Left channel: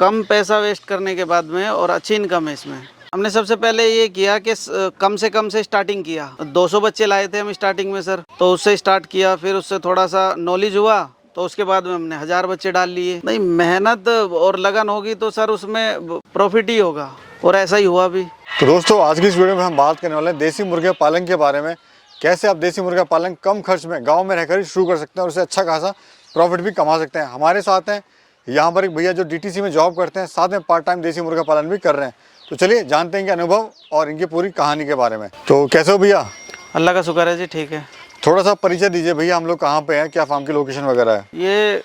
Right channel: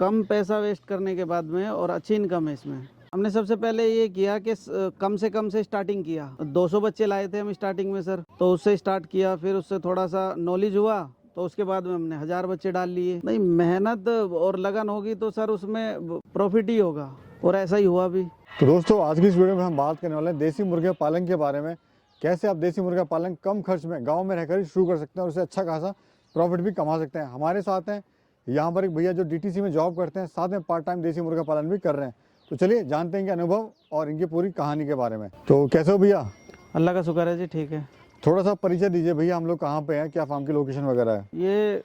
कम पैसा वेस्ट करने के बाद में और अच्छी इनकम है इसमें। हमने सबसे पहले ये किया कि कम से स्टार्टिंग किया। 200 बच्चे लाए थे हम स्टार्टिंग में सर, तो उससे स्टार्ट किया। फिर उससे थोड़ा सा नॉलेज हुआ तो उसके बाद में हमने 1000 बच्चे डाल लिए। नहीं, मेहनत और लगन होगी तो सर उसमें प्रॉफिट ही होगा, और ऐसा ही हुआ भी। तो दोस्तों, आज की इस वीडियो में हम बात करने वाले हैं देसी मुर्गे पालन के बारे में। कैसे आप देसी मुर्गा पालन कम खर्च में गांव में रहकर ही शुरू कर सकते हैं और उससे अच्छा खासा प्रॉफिट भी कमा सकते हैं। हमारे साथ हैं यहाँ पर एक भैया जो डीटीसी में जॉब करते हैं, साथ में पार्ट टाइम देसी मुर्गा पालन भी कर रहे हैं। तो चलिए जानते हैं इनके अनुभव और इनकी पूरी कहानी के बारे में। तो कैसे हो भैया? अल्लाह का शुक्र है जी, ठीक है। थोड़ा सा परिचय दीजिए भैया, हम लोग कहाँ पे हैं, क्या फार्म की लोकेशन वगैरह है? ये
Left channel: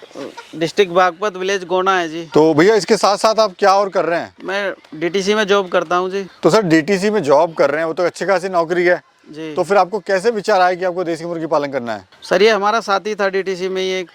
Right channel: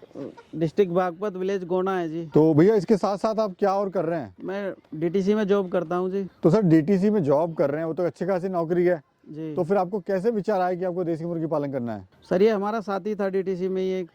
डिस्ट्रिक्ट बागपत, विलेज गोना है जी। तो भैया इसके साथ साथ आप क्या और कर रहे हैं? मैं डीटीसी में जॉब करता हूँ जी। तो सर डीटीसी में जॉब कर रहे हैं, वो तो अच्छी खासी नौकरी है जी। तो फिर आपको कैसे विचार आया कि आपको देसी मुर्गी पालन करना है? सर ये हमारा साथी था डीटीसी में, ये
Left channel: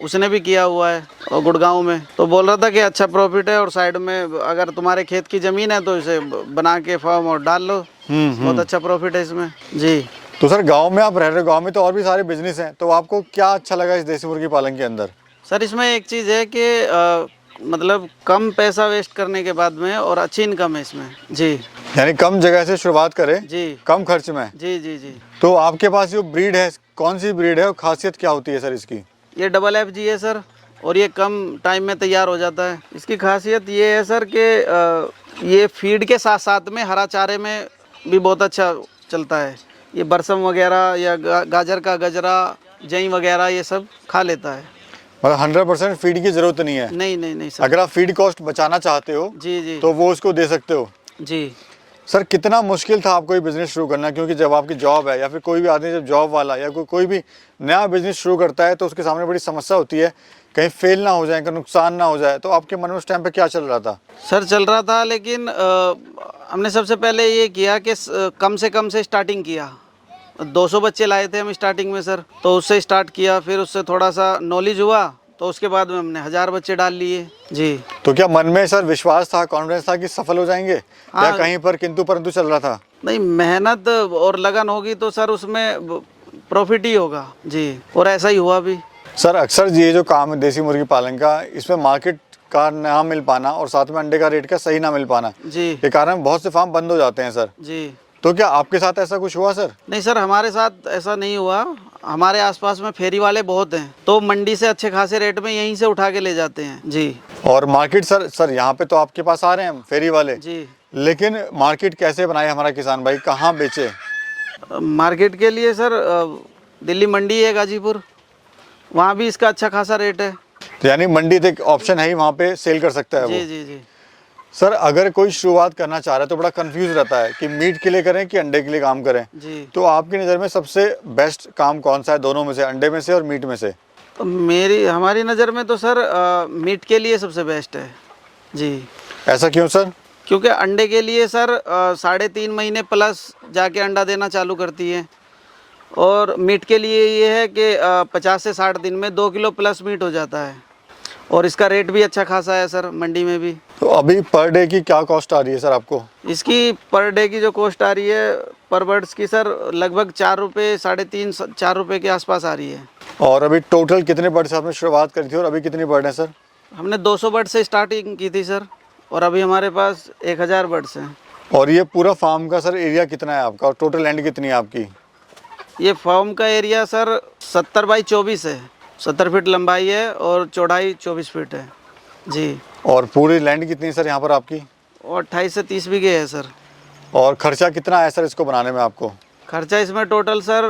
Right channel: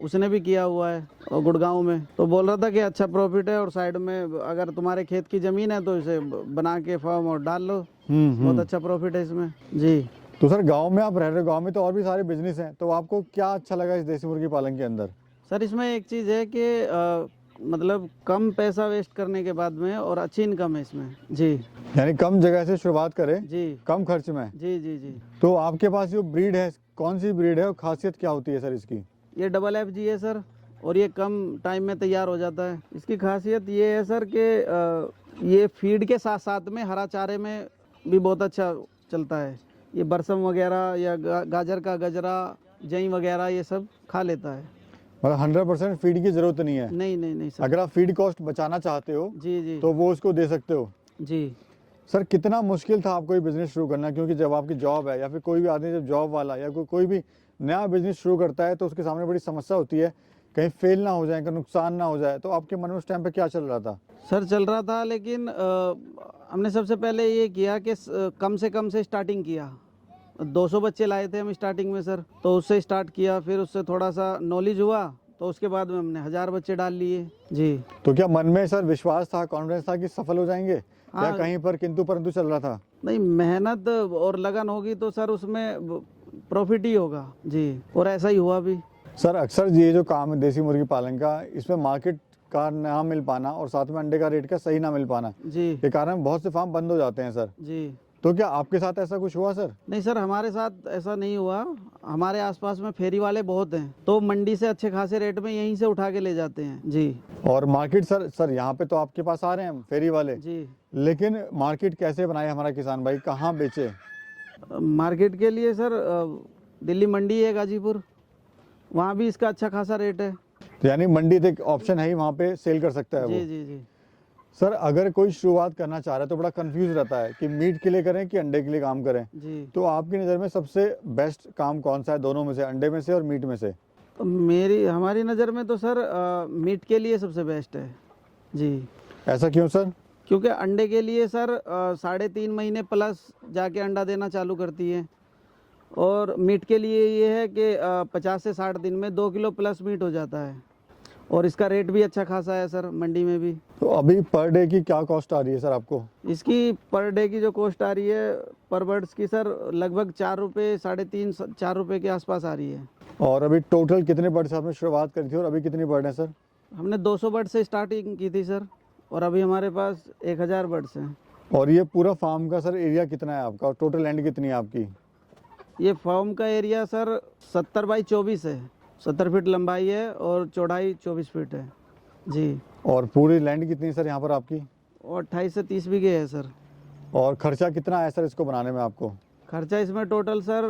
उसने भी किया हुआ है और गुड़गांव में, तो बोल रहा था कि अच्छा प्रॉफिट है और साइड में अगर तुम्हारे खेत की ज़मीन है तो इसे बना के फार्म और डाल लो, बहुत अच्छा प्रॉफिट है इसमें जी। तो सर गांव में आप रह रहे हो, गांव में तो और भी सारे बिजनेस हैं, तो आपको क्या अच्छा लगा इस देसी मुर्गी पालन के अंदर? सर इसमें एक चीज़ है कि मतलब कम पैसा वेस्ट करने के बाद में और अच्छी इनकम है इसमें जी। यानी कम जगह से शुरुआत करें जी, कम खर्च में। जी जी जी। तो आपके पास जो ब्रीड है, कौन सी ब्रीड है और खासियत क्या होती है सर इसकी? ये डबल FG है सर, और ये कम टाइम में तैयार हो जाता है। इसकी खासियत ये है सर कि ये फीड के साथ साथ में हरा चारे में भी बहुत अच्छा चलता है। ये बरसम वगैरह या गाजर का गजरा, जई वगैरह ये सब खा लेता है। मतलब 100% फीड की जरूरत नहीं है? नहीं सर। अगर आप फीड कॉस्ट बचाना चाहते हो जी जी तो वो उसको दे सकते हो जी। सर कितना मुश्किल था आपको ये बिजनेस शुरू करना? क्योंकि जब आपकी जॉब है या फिर कोई भी आदमी जब जॉब वाला या कोई भी नया बिजनेस शुरू करता है तो उसके सामने बड़ी समस्या होती है, कहीं फेल ना हो जाए, कहीं नुकसान ना हो जाए। तो आपके मन में उस टाइम पे क्या चल रहा था? सर चल रहा था, लेकिन हमने सबसे पहले ये किया कि कम से स्टार्टिंग किया। 200 बच्चे लाए थे हम स्टार्टिंग में सर, तो उससे स्टार्ट किया। फिर उससे थोड़ा सा नॉलेज हुआ तो उसके बाद में हमने 1000 बच्चे डाल लिए जी। तो क्या मन में सर विश्वास था, कॉन्फिडेंस था कि सफल हो जाएंगे, हाँ। या कहीं पर किंतु परंतु चल रहा था? नहीं, मेहनत और लगन होगी तो सर उसमें प्रॉफिट ही होगा जी, और ऐसा ही हुआ भी। सर अक्सर ये जो काम है देसी मुर्गी पालन का, इसमें मार्केट का ना मिल पाना और साथ में अंडे का रेट का सही ना मिल पाना जी के कारण बहुत से फार्म बंद हो जाते हैं सर। जी। तो क्या आपके साथ ऐसा कुछ हुआ सर? नहीं सर, हमारे साथ ऐसा नहीं हुआ। हमारे आसपास में फेरी वाले बहुत हैं, तो मंडी से अच्छे खासे रेट में यहीं से उठा के ले जाते हैं जी। और मार्केट सर यहाँ पे तो आपके पास आ रहे हैं फेरी वाले जी। लेकिन मार्केट कैसे बनाए हमारा किसान भाई, कहाँ बेचे? मार्केट के लिए सर दिल्ली मंडी है गाजीपुर, वहाँ भी इसका अच्छा खासा रेट है। तो यानी मंडी एक ऑप्शन है ही, वहाँ पे सेल कर सकता है जी वो। जी जी। सर अगर कोई शुरुआत करना चाह रहा है तो बड़ा कंफ्यूज रहता है कि मीट के लिए करें कि अंडे के लिए काम करें। जी। तो आपकी नज़र में सबसे बेस्ट काम कौन सा है दोनों में से, अंडे में से और मीट में से? तो हमारी नज़र में तो सर मीट के लिए सबसे बेस्ट है जी। ऐसा क्यों सर? क्योंकि अंडे के लिए सर 3.5 महीने प्लस जाके अंडा देना चालू करती है, और मीट के लिए ये है कि 50 से 60 दिन में 2 किलो प्लस मीट हो जाता है, और इसका रेट भी अच्छा खासा है सर मंडी में भी। तो अभी पर डे की क्या कॉस्ट आ रही है सर आपको? इसकी पर डे की जो कॉस्ट आ रही है पर बर्ड्स की सर लगभग 4 रुपये, 3.5 4 रुपये के आसपास आ रही है। और अभी टोटल कितने बर्ड से आपने शुरुआत करी थी और अभी कितनी बर्ड है सर? हमने 200 बर्ड से स्टार्टिंग की थी सर, और अभी हमारे पास 1000 बर्ड्स हैं। और ये पूरा फार्म का सर एरिया कितना है आपका और टोटल लैंड कितनी है आपकी? ये फार्म का एरिया सर 70 बाई 24 है, 70 फीट लंबाई है और चौड़ाई 24 फीट है जी। और पूरी लैंड कितनी है सर यहाँ पर आपकी? और 28 से 30 बीघे है सर। और खर्चा कितना आया सर इसको बनाने में आपको? खर्चा इसमें टोटल सर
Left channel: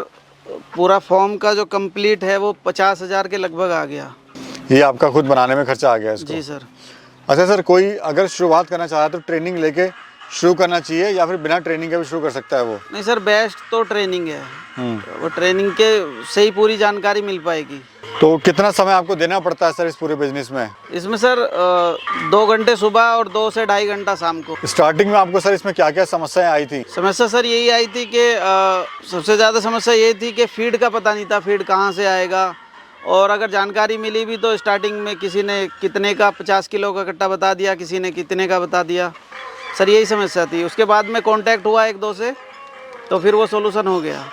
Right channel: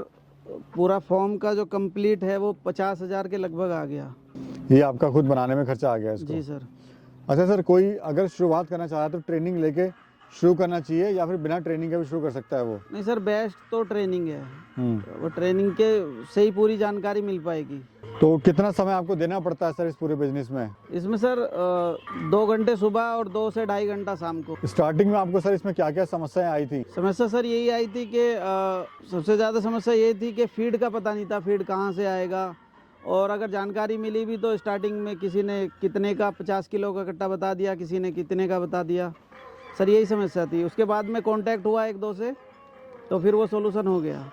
पूरा फॉर्म का जो कंप्लीट है वो 50,000 के लगभग आ गया। ये आपका खुद बनाने में खर्चा आ गया इसको? जी सर। अच्छा सर, कोई अगर शुरुआत करना चाह रहा है तो ट्रेनिंग लेके शुरू करना चाहिए या फिर बिना ट्रेनिंग के भी शुरू कर सकता है वो? नहीं सर, बेस्ट तो ट्रेनिंग है। वो ट्रेनिंग के से ही पूरी जानकारी मिल पाएगी। तो कितना समय आपको देना पड़ता है सर इस पूरे बिजनेस में? इसमें सर 2 घंटे सुबह और 2 से 2.5 घंटा शाम को। स्टार्टिंग में आपको सर इसमें क्या क्या समस्याएं आई थी? समस्या सर यही आई थी कि सबसे ज़्यादा समस्या ये थी कि फीड का पता नहीं था, फीड कहाँ से आएगा। और अगर जानकारी मिली भी तो स्टार्टिंग में किसी ने कितने का 50 किलो का कट्टा बता दिया, किसी ने कितने का बता दिया सर, यही समस्या थी। उसके बाद में कांटेक्ट हुआ 1-2 से, तो फिर वो सोल्यूशन हो गया।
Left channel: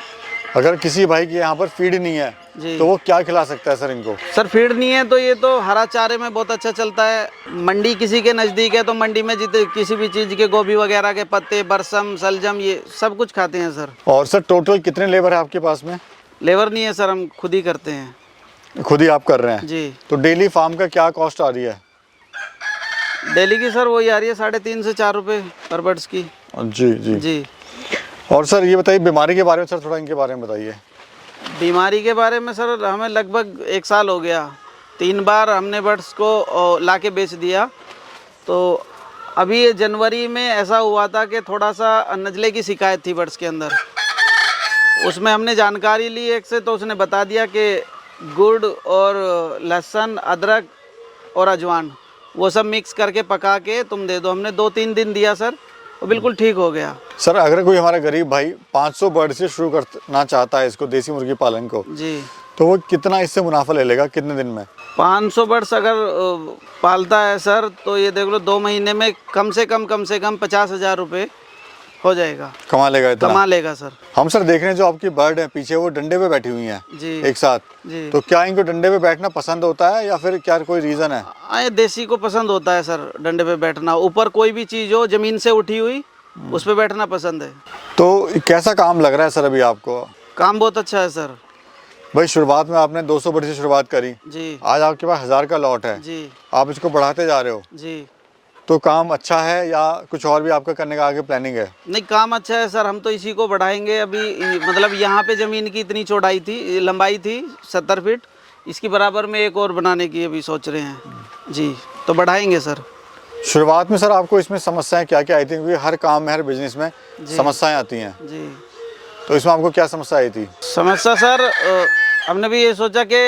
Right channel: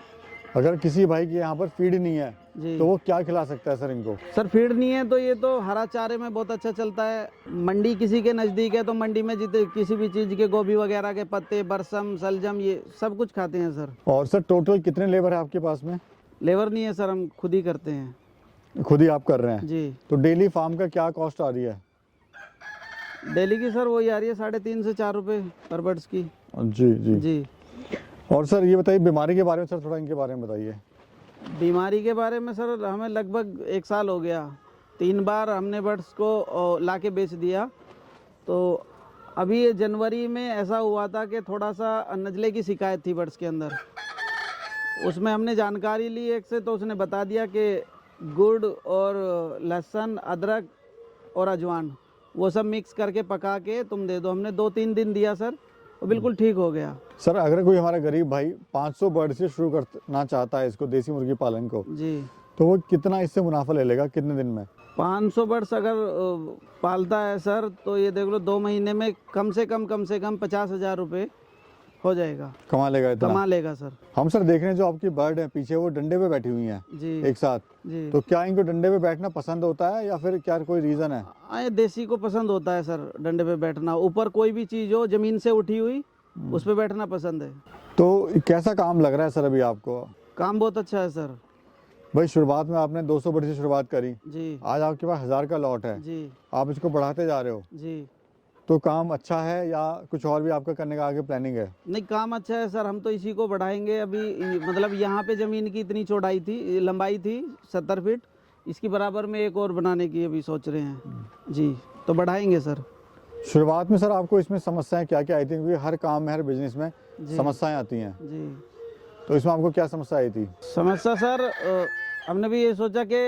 अगर किसी भाई की यहाँ पर फीड नहीं है जी। तो वो क्या खिला सकता है सर इनको? सर फीड नहीं है तो ये तो हरा चारे में बहुत अच्छा चलता है। मंडी किसी के नज़दीक है तो मंडी में जितने किसी भी चीज़ के गोभी वगैरह के पत्ते, बरसम, सलजम, ये सब कुछ खाते हैं सर। और सर टोटल कितने लेबर है आपके पास में? लेबर नहीं है सर, हम खुद ही करते हैं। खुद ही आप कर रहे हैं जी। तो डेली फार्म का क्या कॉस्ट आ रही है? डेली की सर वही आ रही है 3.5 से 4 रुपये पर बर्ड्स की। जी जी जी। और सर ये बताइए बीमारी के बारे में, सर थोड़ा इनके बारे में बताइए। बीमारी के बारे में सर हमें लगभग 1 साल हो गया, 3 बार हमने बर्ड्स को ला के बेच दिया। तो अभी ये जनवरी में ऐसा हुआ था कि थोड़ा सा नज़ले की शिकायत थी बर्ड्स के अंदर। उसमें हमने जानकारी ली एक से, तो उसने बता दिया कि गुड़ और लहसुन, अदरक और अजवान वो सब मिक्स करके पका के तुम दे दो। हमने 2-3 दिन दिया सर, वो बिल्कुल ठीक हो गया। सर अगर कोई हमारा गरीब भाई 500 बर्ड से शुरू करना चाहता है इसको, देसी मुर्गी पालन को, जी, तो वो कितना इससे मुनाफा ले लेगा कितने दिन में? 500 बर्ड्स अगर पालता है सर तो ये देख लो 2 महीने में कम से कम 50,000 रुपये हो जाएगा, कमा लेगा इतना? कमा लेगा सर। हम सर देख रहे हैं जो आपकी बर्ड है पीछे वो डंडे पे बैठी हुई हैं जी एक साथ, जी। तो क्या इनको डंडे पे बैठना पसंद होता है या फिर क्या कोई रीज़न है? ये देसी को पसंद होता है सर डंडे पे बैठना। ऊपर कोई भी चीज़ हो ज़मीन से उठी हुई उस पे बैठना पसंद है। तो कैसा काम लग रहा है सर अभी आपको? काम बहुत अच्छा है सर। भाई शुरुआत में आपने 200 बर्ड से शुरुआत करी, जी आज आपके पास 1000 का लॉट है, जी आप इसको बढ़ाते जा रहे हो, जी। तो काम अच्छा है या कुछ और भी आपका करने का आगे प्लानिंग है? नहीं, काम अच्छा है सर, हम तो इसी को बढ़ाएंगे। अभी मतलब यहाँ पे ज़मीन की इतनी चौड़ाई थी, लंबाई थी 70 फीट, इसकी बराबर में एक और बनाने की अभी सोच रहे हैं जी, तो बढ़ाएंगे सर। शुरुआत में सर आपको इसमें समस्याएं क्या क्या आई थी? क्योंकि हर काम में, हर बिजनेस में समस्याएं आती हैं, जी। तो इसमें आपको क्या समस्या आई थी? समस्या सर हमने भी ये सोचा कि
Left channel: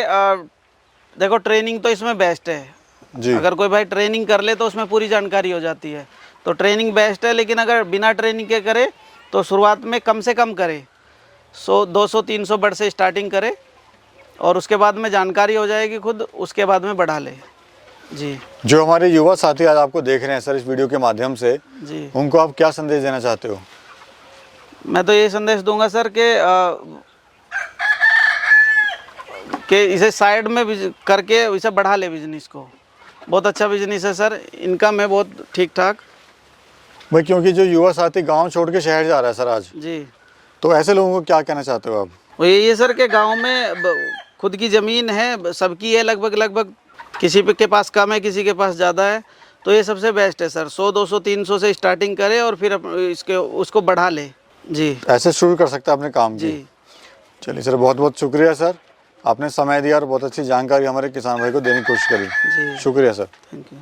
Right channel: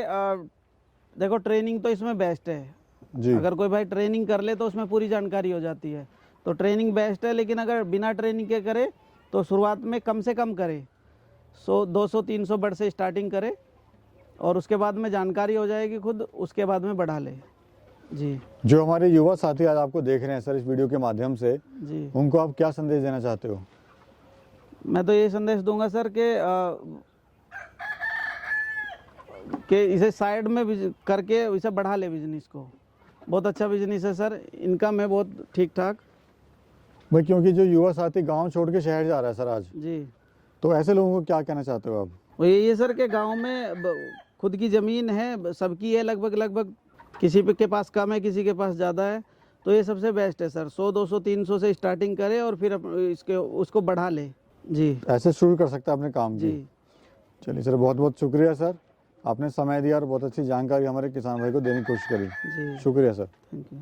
देखो ट्रेनिंग तो इसमें बेस्ट है जी। अगर कोई भाई ट्रेनिंग कर ले तो उसमें पूरी जानकारी हो जाती है, तो ट्रेनिंग बेस्ट है। लेकिन अगर बिना ट्रेनिंग के करे तो शुरुआत में कम से कम करे, 200-300 बर्ड से स्टार्टिंग करे और उसके बाद में जानकारी हो जाएगी खुद, उसके बाद में बढ़ा ले जी। जो हमारे युवा साथी आज आपको देख रहे हैं सर इस वीडियो के माध्यम से, जी, उनको आप क्या संदेश देना चाहते हो? मैं तो ये संदेश दूंगा सर कि इसे साइड में करके इसे बढ़ा ले बिजनेस को। बहुत अच्छा बिजनेस है सर, इनकम है बहुत ठीक ठाक। भाई क्योंकि जो युवा साथी गांव छोड़ के शहर जा रहा है सर आज, जी, तो ऐसे लोगों को क्या कहना चाहते हो आप? वो ये सर के गांव में खुद की ज़मीन है, सबकी है लगभग, किसी के पास कम है, किसी के पास ज़्यादा है, तो ये सबसे बेस्ट है सर। 100, 200, 300 से स्टार्टिंग करे और फिर उसको बढ़ा ले जी। ऐसे शुरू कर सकता है अपने काम की। जी। चलिए सर, बहुत बहुत शुक्रिया सर, आपने समय दिया और बहुत अच्छी जानकारी हमारे किसान भाई को देने की कोशिश करी। जी, शुक्रिया सर। Thank you.